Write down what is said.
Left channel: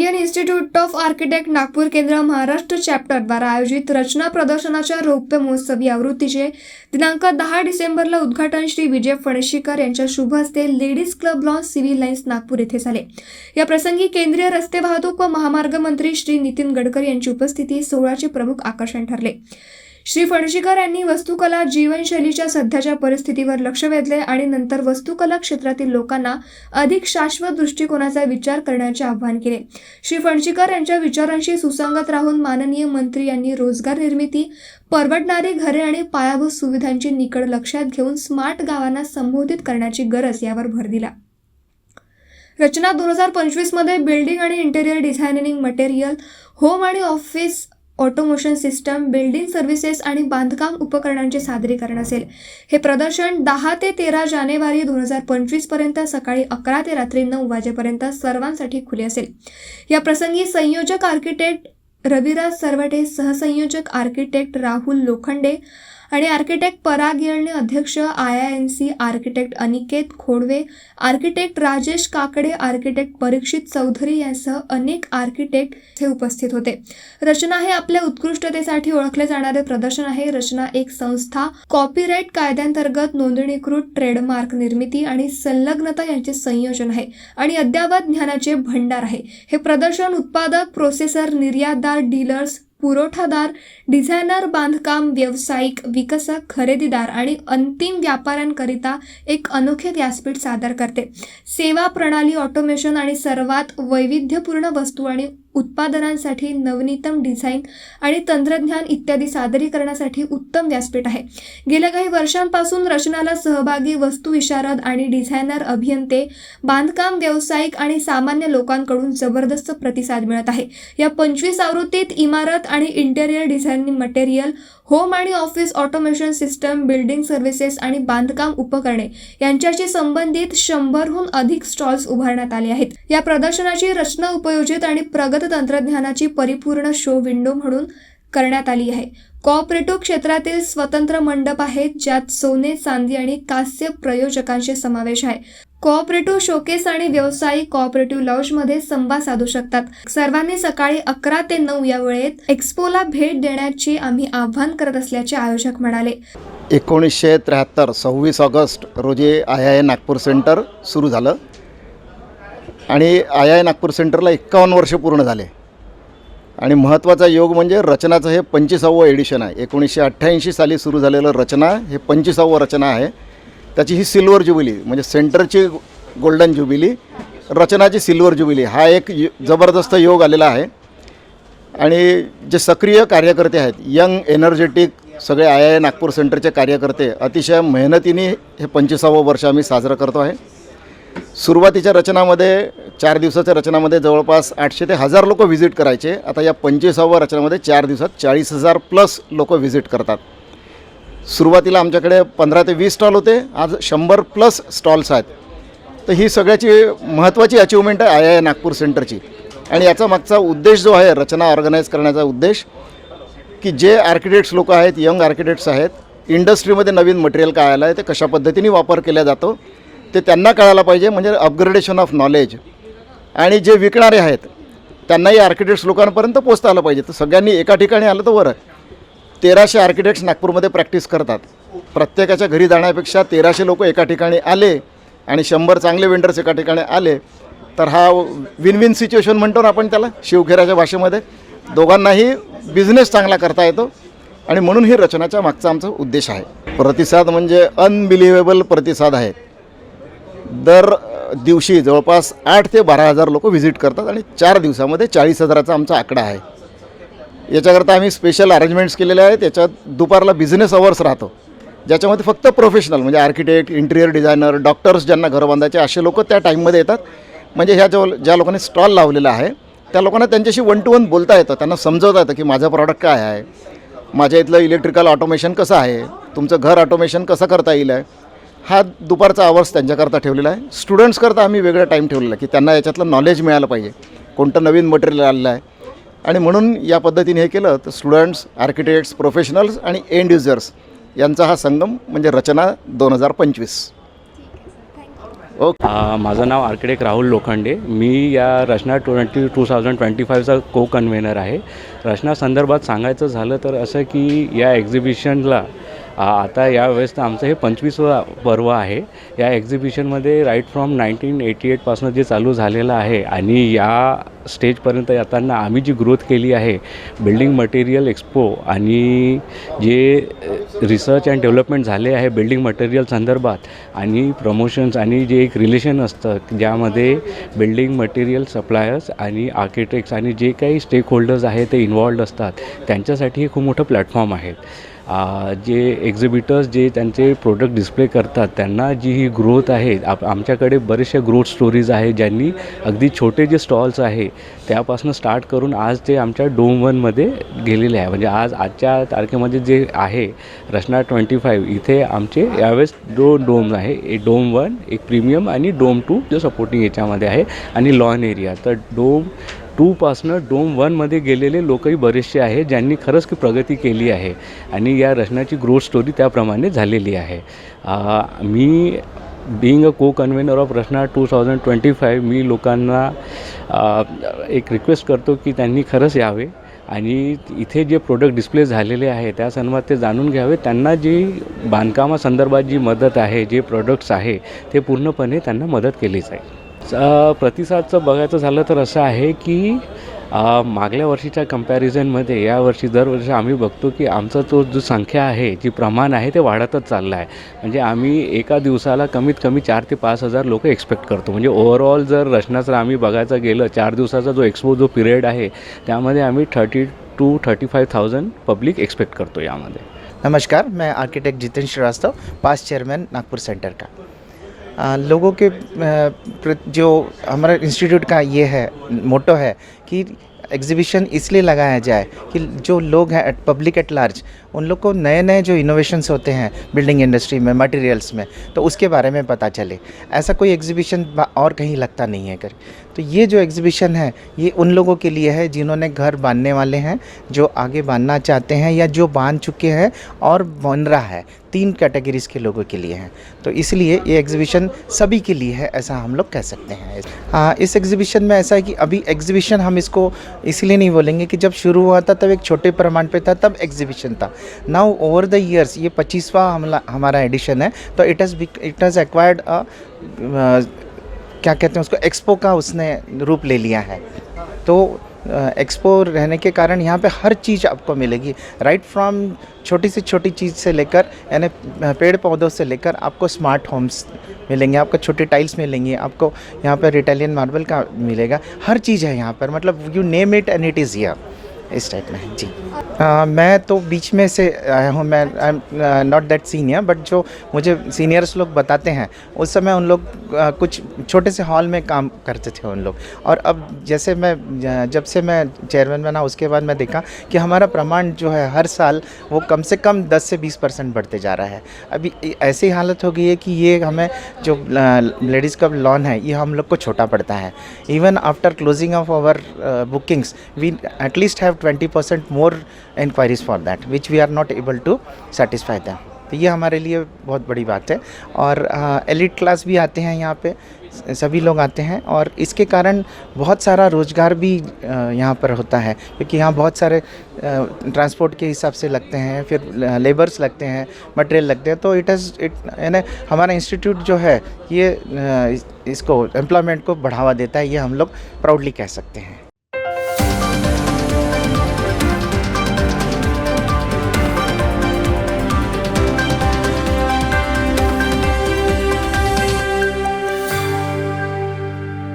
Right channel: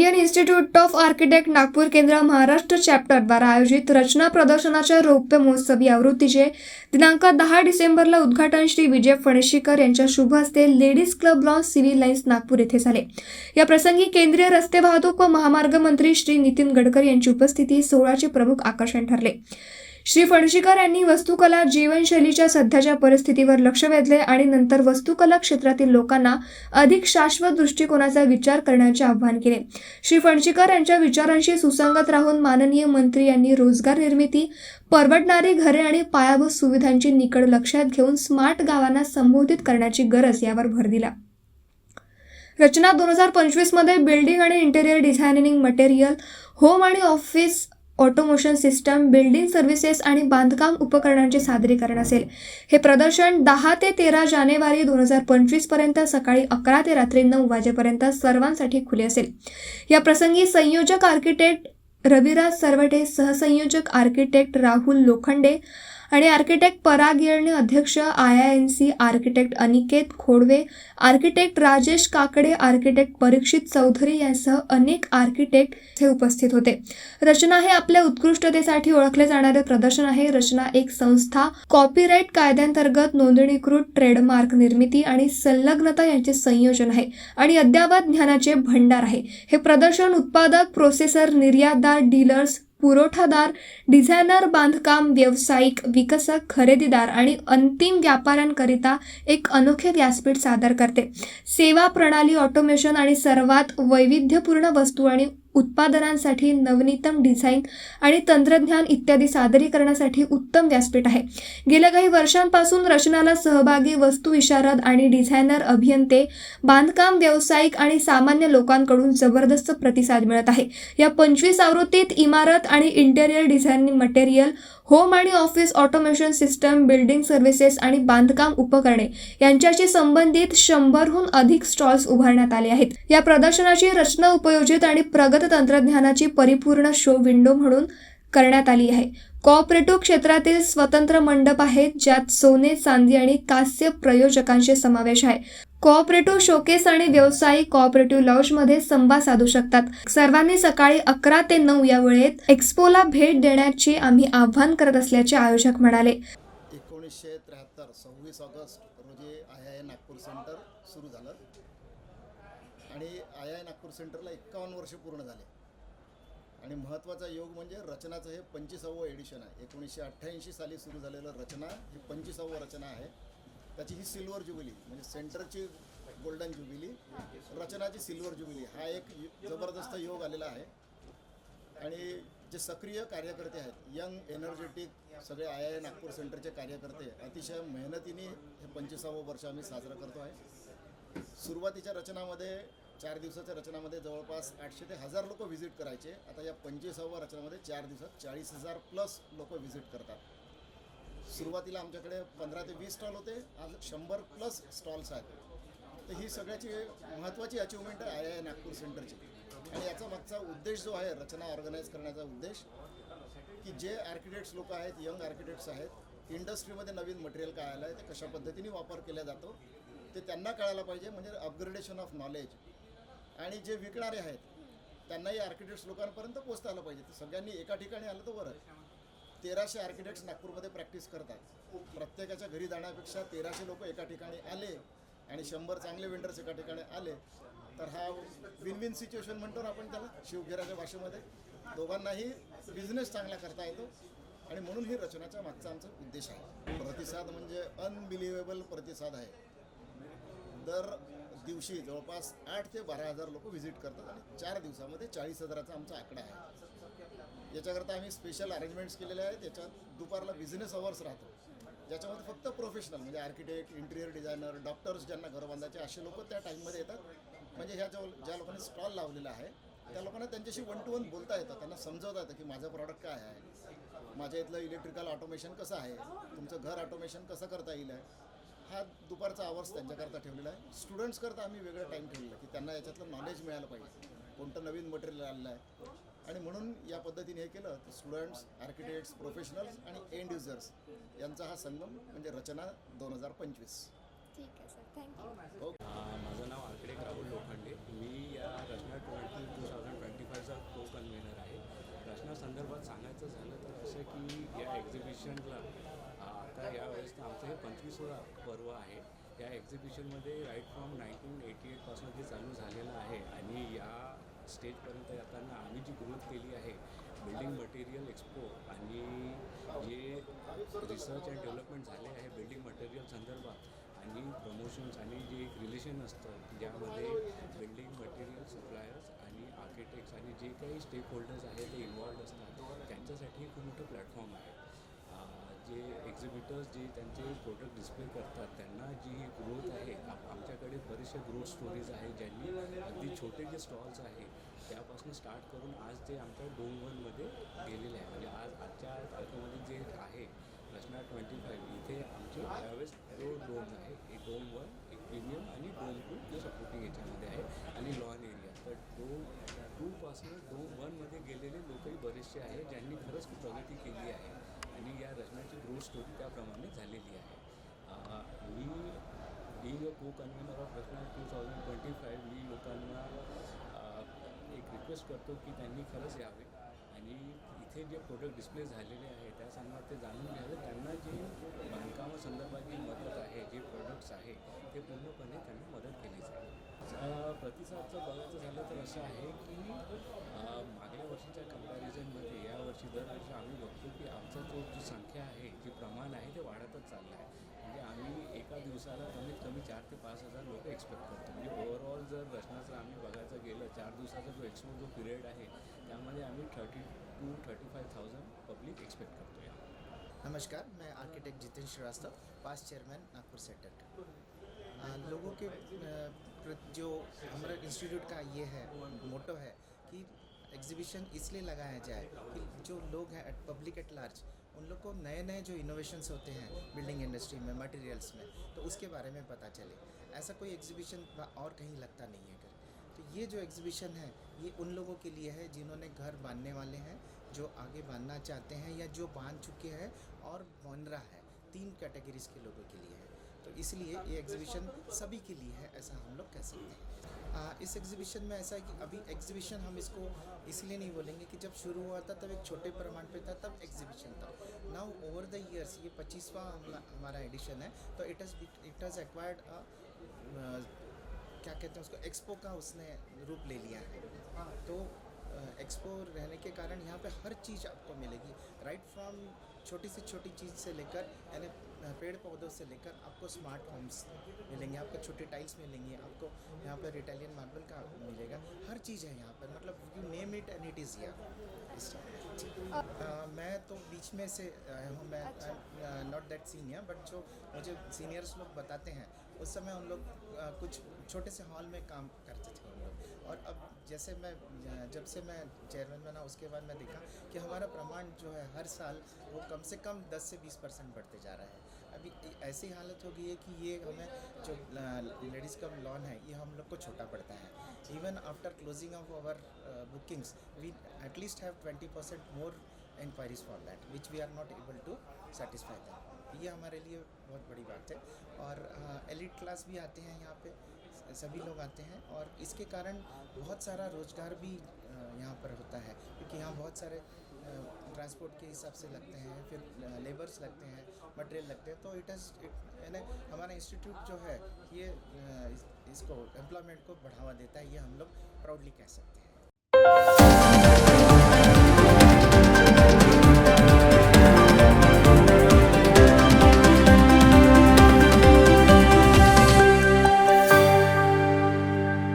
Indian institute of architect Nagpur केंद्र Maharashtra chapter द्वारा आयोजित रचना प्रदर्शनाच्या रौप्य महोत्सवी आवृत्तीचे दिनांक 10 डिसेंबरला उद्घाटन श्री विजय फणशीकर यांच्या शुभ हस्ते Ladies Club Lawns Civil Lines Nagpur येथे झाले। या प्रसंगी केंद्रीय रस्ते वाहतूक व महामार्ग मंत्री श्री नितीन गडकरी यांची उपस्थिती सोहळ्याचे प्रमुख आकर्षण ठरले। श्री फणशीकर यांनी वास्तुकला जीवनशैलीच्या सध्याच्या परिस्थितीवर लक्ष वेधले आणि नंतर वास्तुकला क्षेत्रातील लोकांना अधिक शाश्वत दृष्टिकोनाचा विचार करण्याचे आवाहन केले। श्री फणशीकर यांच्या विचारांशी सुसंगत राहून माननीय मंत्री यांनी रोजगार निर्मिती, परवडणारी घरे आणि पायाभूत सुविधांची निकड लक्षात घेऊन स्मार्ट गावांना संबोधित करण्याची गरज यावर भर दिला। रचना 2025 मध्ये बिल्डिंग आणि इंटेरियर डिझायनिंग मटेरियल, होम आणि office automation system, building services आणि बांधकाम उपकरणांचे सादरीकरण असेल। हे प्रदर्शन 10 ते 13 जानेवारी 2025 पर्यंत सकाळी 11 ते रात्री 9 वाजेपर्यंत सर्वांसाठी खुले असेल। या प्रसंगी संयोजक आर्किटेक्ट रविराज सरवटे, सहसंयोजक आर्किटेक्ट राहुल लोखंडे आणि आर्किटेक्ट पराग येळणे, अध्यक्ष IINC architect Aniket Khodwe, architect Rajesh Kakade, architect Parikshit Chaudhari यांसह अनेक आर्किटेक्ट हे उपस्थित होते। रचना हे आपल्या उत्कृष्टतेसाठी ओळखले जाणारे प्रदर्शन आहे। रचना एक संस्था कॉपीराइट कायद्यांतर्गत नोंदणीकृत ट्रेडमार्क निर्मिती आणि संलग्नता यांचे संयोजन आहे आणि अद्ययावत ज्ञानाचे भंडार आहे। हे प्रदर्शन उत्पादक, प्रोसेसर, निर्यातदार, डीलर्स, पुरवठादार, डिझायनर, बांधकाम व्यावसायिक, विकसक, खरेदीदार आणि अंतिम व्यापाऱ्यांकरिता एक अनोखे व्यासपीठ सादर करते। सेवा प्रणाली, ऑटोमेशन आणि सर्वात वैविध्यपूर्ण वस्तू आणि उत्पादनांसाठी नवनीतम डिझाईन आणि तंत्रज्ञान इत्यादी सादरीकरणासाठी उत्तम व्यासपीठ आहे। गेल्या काही वर्षांपासून रचनाला सहभागी वस्तुविशारद आणि डिझायनर, अभियंते, बांधकाम व्यावसायिक आणि सामान्य लोकांकडून जबरदस्त प्रतिसाद मिळत आहे। या 25 आवृत्तीत इमारत आणि इंटेरियर डिझायनिंग मटेरियल, होम आणि office automation system, building services आणि बांधकाम उपकरणे यांच्याशी संबंधित 100हून अधिक स्टॉल्स उभारण्यात आले आहेत। या प्रदर्शनाची रचना उपयोजित आणि प्रगत तंत्रज्ञानाची परिपूर्ण शो विंडो म्हणून करण्यात आली आहे। कोऑपरेटिव्ह क्षेत्रातील स्वतंत्र मंडप आहेत, ज्यात सोने, चांदी आणि कांस्य प्रयोजकांचे समावेश आहे। कोऑपरेटिव्ह शोकेस आणि व्यावसायिक कोऑपरेटिव्ह लॉजमध्ये संवाद साधू शकतात। सर्वांनी सकाळी 11 ते 9 या वेळेत एक्स्पोला भेट देण्याचे आम्ही आवाहन करत असल्याचे आयोजक म्हणाले। 1973 26 ऑगस्ट रोजी IIN नागपूर सेंटर सुरू झालं आणि IIN नागपूर सेंटरला 51 वर्ष पूर्ण झाले आणि महत्त्वाचा योग म्हणजे रचनाचं हे 25वे एडिशन आहे। 1988 साली सुरू झालेलं रचना हे 25वे रचना आहे। त्याची ही सिल्वर ज्युबिली म्हणजे सेंटरची गोल्डन ज्युबिली, रचनाची सिल्वर ज्युबिली हा एक जबरदस्त योग आलेला आहे। आणि जे सक्रिय कार्यकर्ते आहेत, यंग एनर्जेटिक सगळे IIN नागपूर सेंटरचे कार्यकर्ते अतिशय मेहनतीने हे 25वे वर्ष आम्ही साजरं करतो आहे। सुरुवातीच्या रचनामध्ये 4 दिवसाच्या रचनामध्ये जवळपास 800 ते 1000 लोक व्हिजिट करायचे। आता या 25व्या रचनामध्ये 4 दिवसात 40,000 प्लस लोक व्हिजिट करतात। सुरुवातीला आमच्याकडे 15 ते 20 स्टॉल होते, आज 100 प्लस स्टॉल्स आहेत। तर ही सगळ्याची महत्त्वाची अचिव्हमेंट आहे IIN नागपूर सेंटरची। आणि याचा मागचा उद्देश जो आहे रचना ऑर्गनाईज करण्याचा उद्देश, की जे आर्किटेक्ट्स लोक आहेत, यंग आर्किटेक्ट्स आहेत, इंडस्ट्रीमध्ये नवीन मटेरियल काय आलं आहे, ते कशा पद्धतीने वापर केला जातो ते त्यांना कळायला पाहिजे, म्हणजे अपग्रेडेशन ऑफ नॉलेज। आणि जे विकणारे आहेत त्यांनाही आर्किटेक्ट्स लोकांपर्यंत पोहोचता आलं पाहिजे। तर सगळ्यांनी एका ठिकाणी आलं तर बरं। 1300 आर्किटेक्ट्स नागपूरमध्ये प्रॅक्टिस करतात। प्रत्येकाच्या घरी जाण्यापेक्षा 1300 लोक एका ठिकाणी आले आणि 100 चांगले वेंडर्स एका ठिकाणी आले तर हा विन विन सिच्युएशन म्हणतो ना आपण त्याला शिवखेऱ्याच्या भाषेमध्ये, दोघांनाही बिझनेस चांगला करता येतो आणि म्हणून ही रचनाच्या मागचा आमचा उद्देश आहे। प्रतिसाद म्हणजे अनबिलिव्हेबल प्रतिसाद आहे। दर दिवशी जवळपास 8 ते 12,000 लोक व्हिजिट करतात आणि 4 दिवसामध्ये 40,000चा आमचा आकडा आहे। याच्याकरता आम्ही स्पेशल अरेंजमेंट्स केलेले आहेत। त्याच्यात दुपारला बिझनेस अवर्स राहतो, ज्याच्यामध्ये फक्त प्रोफेशनल म्हणजे आर्किटेक्ट, इंटिरियर डिझायनर, डॉक्टर्स ज्यांना घरं बांधायचे असे लोक त्या टाईममध्ये येतात। म्हणजे ह्या ज्या लोकांनी स्टॉल लावलेला आहे त्या लोकांना त्यांच्याशी 1 to 1 बोलता येतं, त्यांना समजवता येतं की माझं प्रॉडक्ट काय आहे, माझ्या इथलं इलेक्ट्रिकल ऑटोमेशन कसं आहे, तुमचं घर ऑटोमेशन कसं करता येईल आहे। हा दुपारचा आवर्स त्यांच्याकरता ठेवलेला आहे। स्टुडंट्सकरता आम्ही वेगळा टाईम ठेवलेला आहे की त्यांना याच्यातलं नॉलेज मिळालं पाहिजे, कोणतं नवीन मटेरियल आलेलं आहे। आणि म्हणून या पद्धतीने हे केलं तर स्टुडंट्स, आर्किटेक्ट्स, प्रोफेशनल्स आणि एंड युजर्स यांचा हा संगम म्हणजे रचना 2025। ओके. माझं नाव आर्किटेक्ट राहुल लोखंडे. मी या रचना 2025चा को कन्व्हेनर आहे. रचना संदर्भात सांगायचं झालं तर असं की या एक्झिबिशनला आता यावेळेस तर आमचं हे 25वा पर्व आहे. या एक्झिबिशनमध्ये राईट फ्रॉम 1988पासून जे चालू झालेलं आहे आणि या स्टेजपर्यंत येताना आम्ही जी ग्रोथ केली आहे, बिल्डिंग मटेरियल एक्सपो आणि जे रिसर्च अँड डेव्हलपमेंट झाले आहे बिल्डिंग मटेरियल संदर्भात आणि प्रमोशन्स आणि जे एक रिलेशन असतं ज्यामध्ये बिल्डिंग मटेरियल सप्लायर्स आणि आर्किटेक्ट्स आणि जे काही स्टेक होल्डर्स आहेत ते इन्वॉल्ड असतात, त्यांच्यासाठी हे खूप मोठं प्लॅटफॉर्म आहे. जे एक्झिबिटर्स जे त्यांचे प्रोडक्ट डिस्प्ले करतात त्यांना जी ही ग्रोथ आहे, आमच्याकडे बरेचशा ग्रोथ स्टोरीज आहे ज्यांनी अगदी छोटे जे स्टॉल्स आहे त्यापासून स्टार्ट करून आज ते आमच्या डोम 1मध्ये गेलेले आहे. म्हणजे आजच्या तारखेमध्ये जे आहे रचना 25 इथे आमचे यावेळेस 2 डोम आहे. एक डोम 1 एक प्रीमियम आणि डोम 2 जो सपोर्टिंग याच्यामध्ये आहे आणि लॉन एरिया. तर डोम 2पासनं डोम 1मध्ये गेलेले लोकही बरेचसे आहेत ज्यांनी खरंच की प्रगती केली आहे आणि या रचनाची ग्रोथ स्टोरी त्याप्रमाणे झालेली आहे. मी बीइंग अ को कन्व्हेनर ऑफ रचना 2025 मी लोकांना एक रिक्वेस्ट करतो की त्यांनी खरंच यावे आणि इथे जे प्रोडक्ट डिस्प्ले झालेले आहे त्या संदर्भात ते जाणून घ्यावे. त्यांना जी बांधकामासंदर्भात जी मदत आहे, जे प्रोडक्ट्स आहे ते पूर्णपणे त्यांना मदत केली जाईल. प्रतिसादचं बघायचं झालं तर असं आहे की मागल्या वर्षीच्या कंपॅरिझनमध्ये यावर्षी दरवर्षी आम्ही बघतो की आमचा तो जो संख्या आहे, जी प्रमाण आहे ते वाढतच चाललं आहे. म्हणजे आम्ही एका दिवसाला कमीत कमी 4 ते 5 हजार लोक एक्सपेक्ट करतो. म्हणजे ओव्हरऑल जर रचनाचं आम्ही बघायचं गेलं 4 दिवसाचा जो एक्सपो जो पिरियड आहे त्यामध्ये आम्ही 30 to 35,000 पब्लिक एक्सपेक्ट करतो यामध्ये. नमस्कार, मैं architect Jitendra Shrivastava, past chairman Nagpur centre का। लोगों के जो हमारा इंस्टीट्यूट का ये है मोटो है कि एग्जीबिशन इसलिए लगाया जाए कि जो लोग हैं पब्लिक एट लार्ज उन लोग को नए नए जो इनोवेशंस होते हैं बिल्डिंग इंडस्ट्री में, मटेरियल्स में, तो उसके बारे में पता चले। ऐसा कोई एग्जीबिशन और कहीं लगता नहीं है कर। तो ये जो एग्जीबिशन है ये उन लोगों के लिए है जिन्होंने घर बांधने वाले हैं, जो आगे बांधना चाहते हैं या जो बांध चुके हैं और बन रहा है। 3 कैटेगरीज के लोगों के लिए हैं। तो इसलिए ये एग्जीबिशन सभी के लिए है, ऐसा हम लोग कह सकते हैं। हाँ, इस एग्जीबिशन में ऐसा है कि अभी एग्जीबिशन हम इसको इसलिए नहीं बोलेंगे कि जब शुरू हुआ था तब एक छोटे प्रमाण पे था, तब एग्जीबिशन था। नाउ ओवर द ईयर्स ये 25वां हमारा एडिशन है, तो इट हैज़ एक्वायर्ड क्या कहते हैं उसको, एक्सपो का उसने रूप ले लिया है। तो एक्सपो रहने के कारण यहाँ पे हर चीज़ आपको मिलेगी, राइट फ्रॉम छोटी से छोटी चीज़ से लेकर यानी पेड़ पौधों से लेकर आपको स्मार्ट होम्स मिलेंगे, आपको छोटे टाइल्स मिलेंगे, आपको यहाँ पर इटालियन मार्बल का मिलेगा, हर चीज़ है यहाँ पर, मतलब you name it end it is here, is type में जी। मैं तो बीच में से आया हूँ, मैं I am not that senior, but जो मुझे सीनियर्स लोग बताते हैं उस समय उन लोग कुछ छोटे से हॉल में काम करते थे उन लोग। और अब जैसे जब से मैं चेयरमैन बना उसके बाद मैं देखा कि हमारा प्रमाण जो है हर साल वो कम से कम 10 से 20% बढ़ते जा रहा है। अभी ऐसी हालत हो गई है कि ये हमें जो लेडीज़ क्लब लॉन है ये हम लोग को छोटा पड़ता है। Even after closing of our bookings we at least have 20% more inquiries for that which we are not able to satisfy them। तो ये हमारे लिए बहुत बड़ी बात है। और एलिट क्लास भी आते हैं यहाँ पे, सभी लोग आते हैं और इसके कारण बहुत सारा रोज़गार भी यहाँ पर होता है, क्योंकि यहाँ बहुत सारे ट्रांसपोर्ट के हिसाब से लगते हैं, फिर लेबर्स लगते हैं, मटेरियल लगते हैं। तो यानी हमारा इंस्टीट्यूट जो है ये इसको एम्प्लॉयमेंट को बढ़ावा देता है, ये हम लोग प्राउडली कह सकते हैं।